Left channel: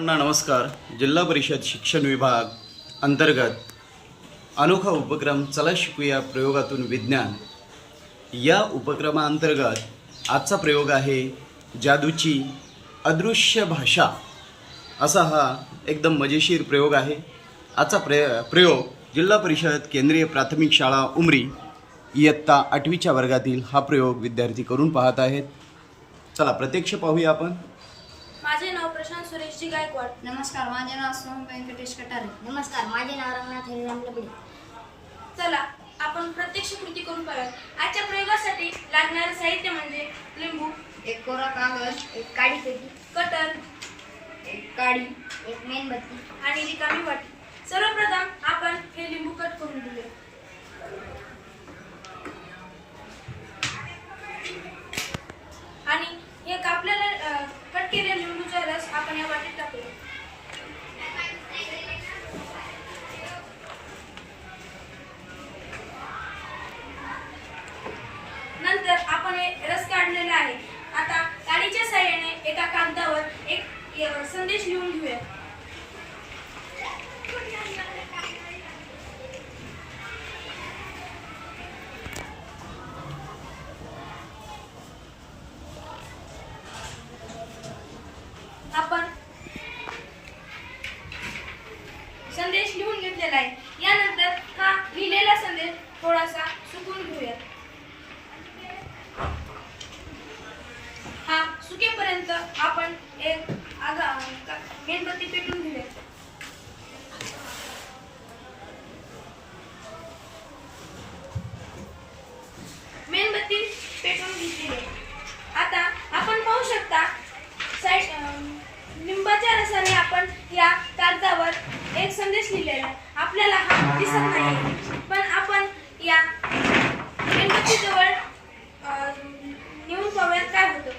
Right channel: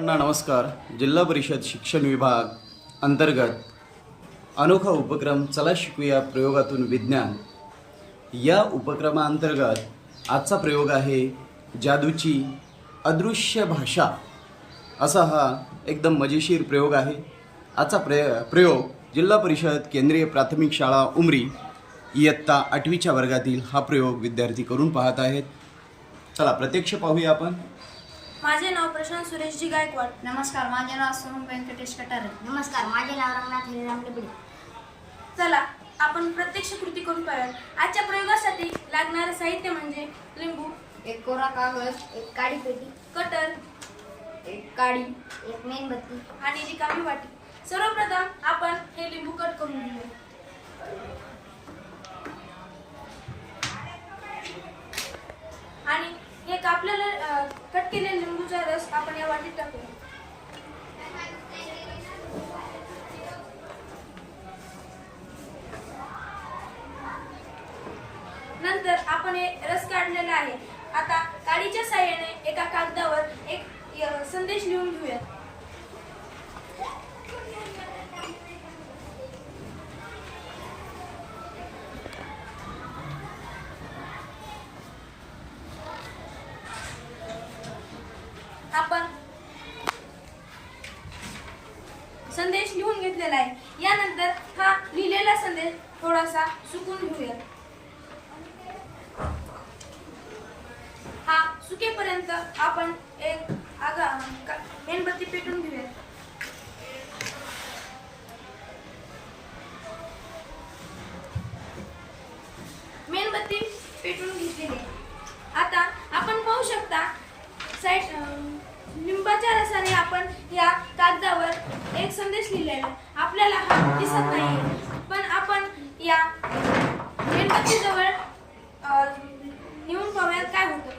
नमस्कार. जिल्हा परिषद शिक्षण विभाग अंतर्गत अनोखा उपक्रम चला शिकूया प्रयोगातून विज्ञान या उपक्रमाअंतर्गत आजचा प्रयोग आहे जादूची अदृश्य भाषा. असा हा एकदम मजेशीर प्रयोग आहे. आजचा प्रयोग जिल्हा परिषद केंद्रीय प्राथमिक शाळा उमरी इयत्ता 8वीच्या वर्गातील हा प्रयोग विद्यार्थी करून पाहत आहेत. चला प्रत्यक्ष पाहूया आपण. माझे नाव प्रशांत सुरेशजी गायकवाड. नमस्कार, माझे नाव सोहम व्यंकटेश कटारे. नमस्कार, माझे नाव रंगनाथ हरिराम लबडे. चला आपण प्रत्यक्ष कृती करून पाहूयात. आजच्या प्रयोगासाठी लागणारे साहित्य म्हणजे लिंबू, एक कोरा कागद, एक काळी पेटी, कटर, एक काडी, एक मेणबत्ती आणि रिकामी वाटी. सर्वप्रथम आपण हे लिंबू कट करून घेऊया. आणि हे कापलेले कट केलेल्या लिंबूचा रस आपण या वाटीत टाकूया. नंतर आपण हे रस काढलेला आहे. आता काडीच्या साहाय्याने एका कागदावर एक संदेश लिहून घेऊया. आपण संदेश लिहून घेतलेला आहे. यानंतर हा लिहिलेला संदेश थोडासा सुकून घेऊया. हा सुकेपर्यंत आपण एक मेणबत्ती पेटून घेऊया. मेणबत्ती पेटून घेतली. आता आपण पाहू शकता लिंबाच्या रसाने आपण या कागदावर एक संदेश लिहिलेला आहे. आपल्याला हा दिसत नाही, पण आपण या मेणबत्ती जवळ नेऊन पाहूयात काय होतं.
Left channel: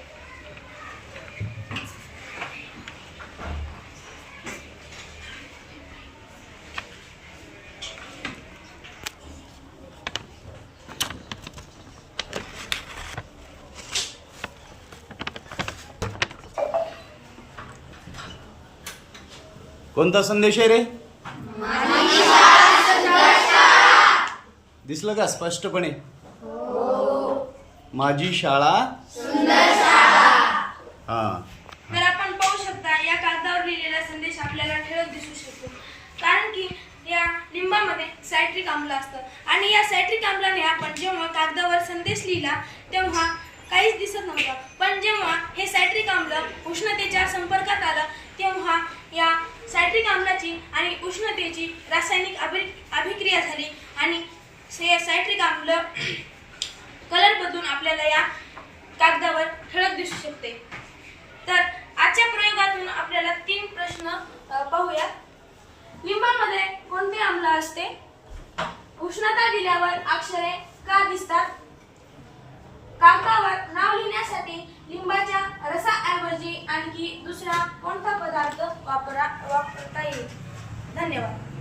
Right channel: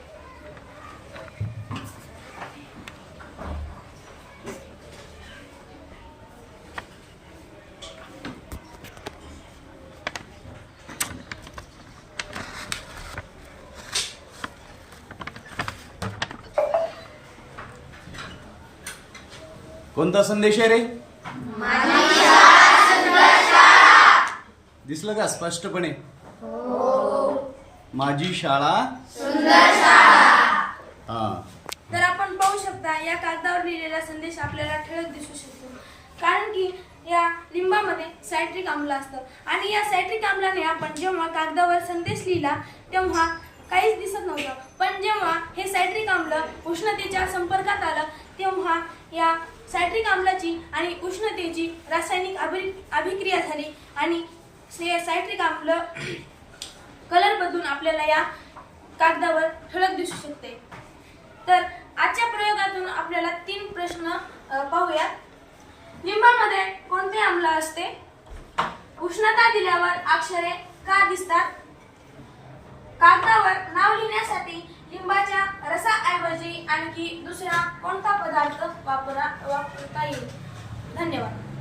कोणता संदेश आहे रे? दिसलं का स्पष्टपणे? माझी शाळा हा. तर आपण पाहू शकता या कागदावर लिहिलेला संदेश आपल्याला ठळक दिसू शकतो, कारण की या लिंबामध्ये सायट्रिक आम्ल असतं. आणि या सायट्रिक आम्लाने आपण जेव्हा कागदावर संदेश लिहिला तेव्हा काहीच दिसत नव्हतं, पण जेव्हा हे सायट्रिक आम्ल उष्णतेच्या संपर्कात आलं तेव्हा या सायट्रिक आम्लाची आणि उष्णतेची रासायनिक अभिक्रिया झाली आणि सायट्रिक आम्ल कलर बदलून आपल्याला या कागदावर ठळक दिसू शकते. तर आजच्या प्रयोगातून आपल्याला 3 प्रश्न पाहूया. लिंबामध्ये कोणते आम्ल असते? उष्णता दिल्यावर अक्षरे का दिसतात? कागदावर नाव लिहिण्यासाठी लिंबाच्या रसाऐवजी आणखी दुसरा कोणता पदार्थ वापरता येईल? धन्यवाद.